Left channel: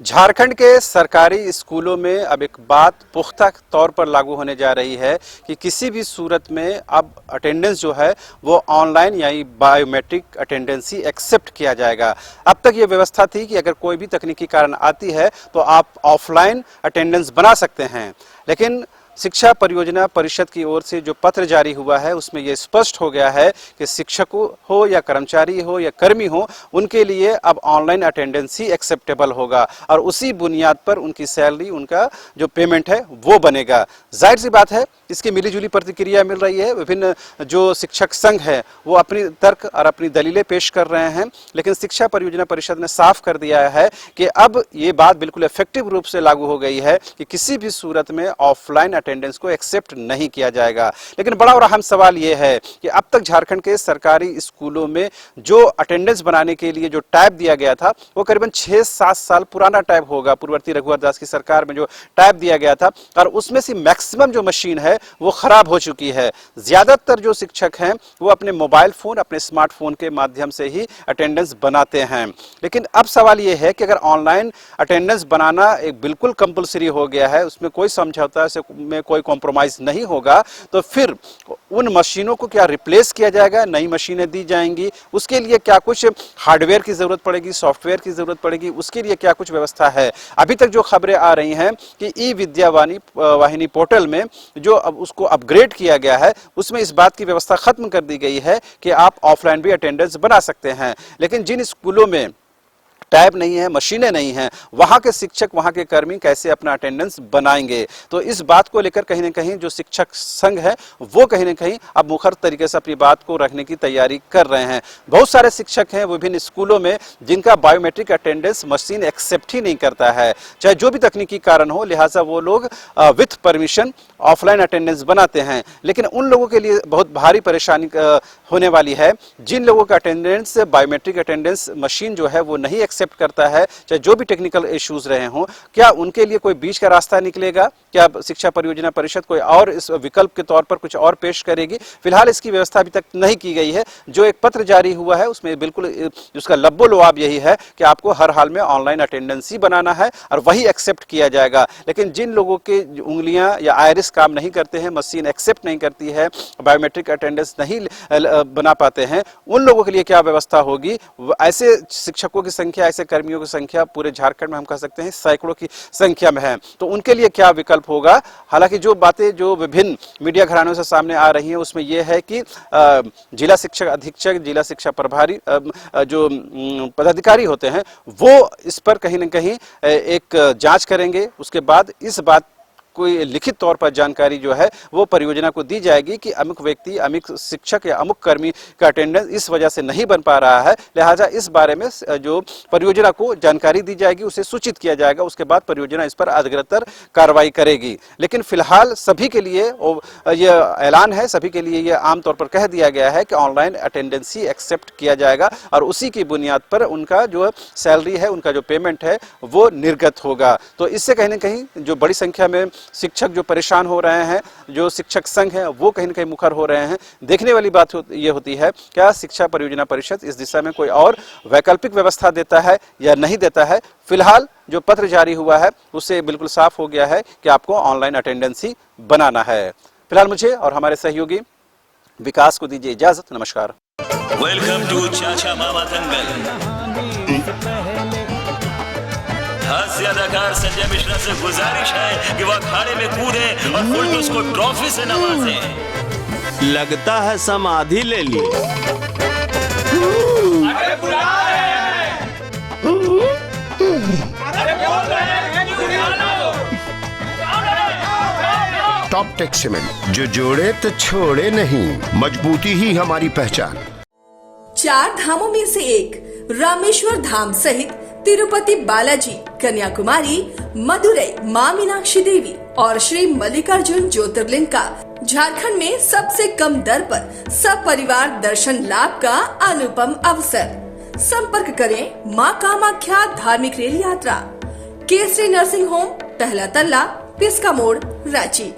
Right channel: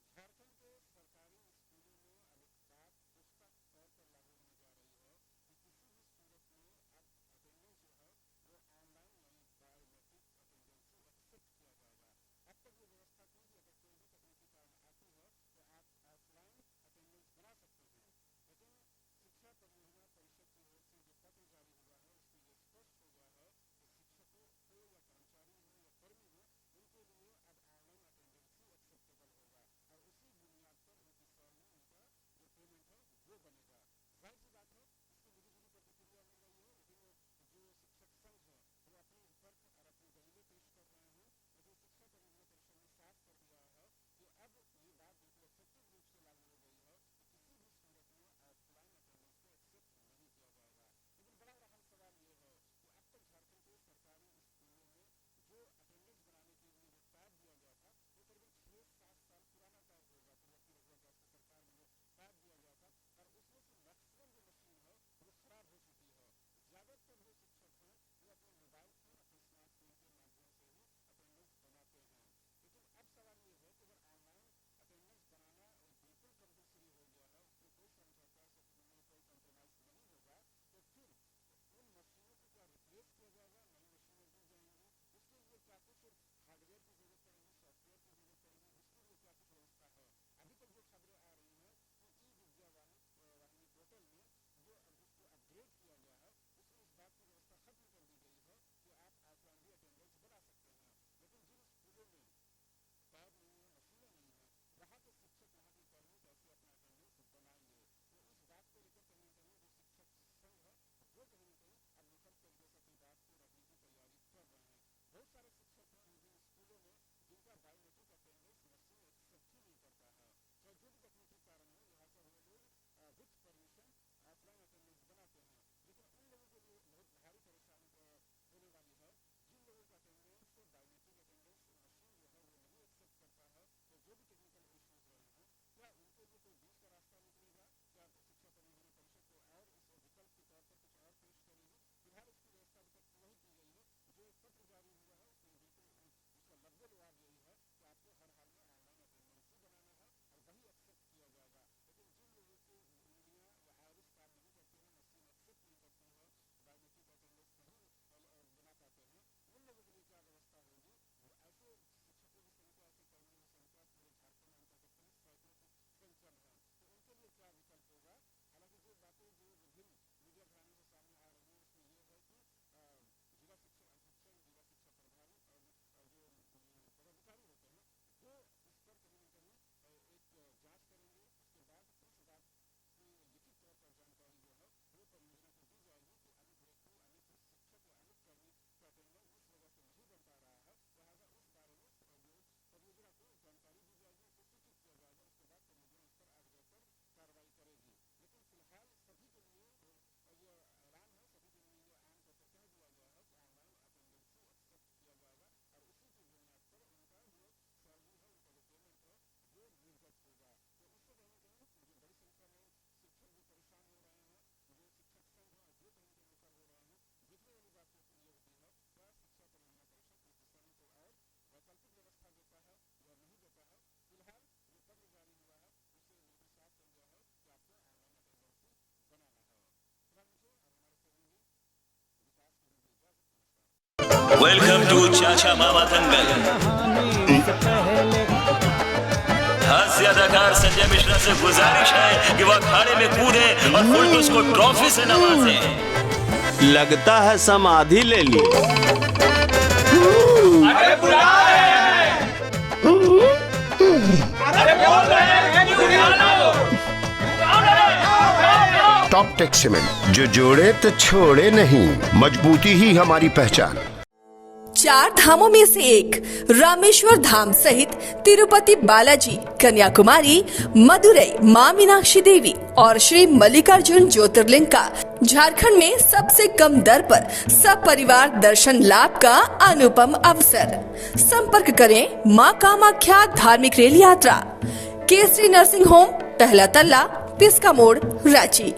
झारखंड के सरकारी स्कूलों में अब एक बात पुख्ता तौर पर लागू होने जा रही है कि किसी भी सूरत में अब अटेंडेंस जो है वो ऑनलाइन यानी बायोमेट्रिक अटेंडेंस ही एक्सेप्ट किया जाएगा। अब तक ये व्यवस्था थी कि अगर कोई भी तकनीकी कारण आती है तो आप ऑफलाइन अटेंडेंस बना सकते हैं, लेकिन शिक्षा परियोजना परिषद की ओर से जो पत्र जारी हुआ है उसमें यह स्पष्ट हो गया है कि शिक्षक हो या कर्मचारी हो या कर्मी हो, उनके लिए अब ऑनलाइन अटेंडेंस ही एक्सेप्टेबल होगा और उसी बुनियाद पर उनकी सैलरी, उनका जो पेमेंट है वो बनेगा। जाहिर सी बात है इसकी मिलीजुली प्रतिक्रिया मिल रही है। विभिन्न जो शिक्षक संघ है वो अपनी तर्क और अपनी दलीलें पेश कर रहे हैं, लेकिन शिक्षा परियोजना परिषद ने साफ कर दिया है कि अब ये बात बिल्कुल इफेक्टिव रूप से लागू हो गई है कि किसी भी सूरत में ऑफलाइन अटेंडेंस को एक्सेप्ट नहीं किया जाएगा। लेकिन बड़ा और अहम सवाल यह है कि अब तक झारखंड के सरकारी स्कूलों में जो अटेंडेंस बनाने के लिए जो टैब दिया गया था वो करीबन 6-7 साल पुराना टैब होगा। पूर्ववर्ती रघुवर दास की सरकार में जो टैब दिया गया था और उसमें से मैक्सिमम जो मशीन है वो खराब हो चुकी है। ज्यादातर जो शिक्षक हैं वो अपने मोबाइल फोन, अपने स्मार्टफोन के माध्यम से ही अटेंडेंस बनाते हैं। लेकिन अब सवाल ये है कि अगर ऑनलाइन अटेंडेंस बनाना एक बिल्कुल कंपलसरी हो गया है, उसमें कोई समझौता में कोई कॉम्प्रोमाइज नहीं होगा, तो फिर उन मशीनों को क्या रिप्लेस किया जाएगा, नई मशीनें दी जाएंगी, उसके लिए क्या कुछ हार्डवेयर की जरूरत पड़ेगी, सॉफ्टवेयर की जरूरत पड़ेगी, उसके लिए क्या कुछ व्यवस्था है। अभी तक जो खबरें आ रही हैं कि ई विद्या वाहिनी पोर्टल में जो अब उसको अपग्रेड किया गया है उसमें इस बात की व्यवस्था खत्म कर दी गई है कि आप ऑफलाइन भी अटेंडेंस बना सकते हैं। लेकिन जिन स्कूलों में टैब नहीं है, मशीनें नहीं हैं, वहां के शिक्षक, वहां के कर्मी कैसे अपना अटेंडेंस बनाएंगे। तो इस बात को लेकर कहीं ना कहीं जो शिक्षक संघ है वो कहीं ना कहीं अब मुखर तरीके से अपनी बात को रखने की तैयारी कर रहे हैं। बहुत सारे शिक्षक हैं विभिन्न स्कूलों में जिनका बायोमेट्रिक अटेंडेंस मशीन एक्सेप्ट ही नहीं करता है, चाहे जो भी तकनीकी कारण हो, लिहाजा वो लोग विथ परमिशन ऑफलाइन अटेंडेंस बनाते हैं। लेकिन उन लोगों के लिए बहुत भारी परेशानी होने वाली है जिन लोगों का अटेंडेंस, बायोमेट्रिक अटेंडेंस मशीन जो है वो नहीं एक्सेप्ट करता है, चाहे जो भी टेक्निकल इश्यूज रहे हों। क्या उनके लिए कोई बीच का रास्ता निकलेगा? क्या शिक्षा परियोजना परिषद कोई और इस विकल्प के तौर पर कुछ और पेश करेगी? फिलहाल इसकी व्यवस्था अभी तक नहीं की गई है। जो एक पत्र जारी हुआ है उसमें बिल्कुल उसका लब्बो लुआब यही है कि आपको हर हाल में ऑनलाइन अटेंडेंस ही बनाना है और वही एक्सेप्ट किया जाएगा। लेकिन जिन लोगों के उंगलियां या आयरिस काम नहीं करते हैं, मशीन एक्सेप्ट नहीं करती है, बायोमेट्रिक अटेंडेंस नहीं बना पाते हैं, उन लोगों के लिए क्या व्यवस्था होगी? ऐसे शिक्षकों की संख्या, ऐसे कर्मियों की संख्या पूरे झारखंड में हम कह सकते हैं सैकड़ों की संख्या में है। तो उनके लिए क्या विकल्प होगा? हालांकि जो बातें जो विभिन्न मीडिया घरानों से सामने आ रही हैं उसमें यह है कि जिला शिक्षक अधीक्षक, जिला शिक्षा प्रभारी जो पदाधिकारी होते हैं वो इस पर कहीं ना कहीं एक जांच करेंगे। उसके बाद इस बात कोई लिखित तौर पर जानकारी जो है वो परियोजना को दी जाएगी कि अमुक व्यक्ति, अमुक शिक्षक या अमुक कर्मी का अटेंडेंस इस वजह से नहीं बन पा रहा है, लिहाजा इस बारे में जो परियोजना को जानकारी दी जाएगी, उसे सूचित किया जाएगा। उसके बाद परियोजना इस पर अग्रतर कार्रवाई करेगी। लेकिन फिलहाल सभी के लिए यह ऐलान है, सभी के लिए यह आमतौर पर कह दिया गया है कि ऑनलाइन अटेंडेंस ही एक्सेप्ट किया जाएगा और उसी की बुनियाद पर उनका जो सैलरी है, उनका जो पेमेंट है वो निर्गत होगा। तो इससे कहीं ना कहीं जो बड़ी संख्या में शिक्षक जो परेशान हो रहे हैं, जो शिक्षक संघ हैं वो कहीं ना कहीं मुखर हो रहे हैं। देखने वाली बात ये होती है क्या शिक्षा परियोजना परिषद इस दिशा में कोई और वैकल्पिक व्यवस्था देता है या नहीं देता है। फिलहाल जो पत्र जारी हुआ है उससे बिल्कुल साफ हो गया है कि आपको ऑनलाइन अटेंडेंस ही बनाना है। फिलहाल मुझे और हमारे सहयोगी विकास को दीजिए इजाजत। नमस्कार। वेलकम टू चाचा मामा दंगल। हास्य अदाकार संजय मिश्रा से गुजारिश है कि वह अखाड़े में कूदे और फुलटूस को ट्रॉफी से नवाजे। लगता है समाधि ले ली। अरे बुला रहे हैं। अरे बोल रहे हैं कि बुला लो। टॉप टेक सीमेंट, जो जोड़े तो छोड़े नहीं, मजबूती ही हमारी पहचान। 4 धामों में से एक रामेश्वर धाम सहित तिरुपति बालाजी, कन्याकुमारी, मदुरई मां मीनाक्षी देवी और श्री मल्लिकार्जुन ज्योतिर्लिंग का झारखंड में सबसे कम दर पर सब परिवार दर्शन लाभ का अनुपम अवसर। संपर्क करें मां कामाख्या धार्मिक रेल यात्रा, केसरी नर्सिंग होम, पहला तल्ला, पिस्का मोड़, रांची।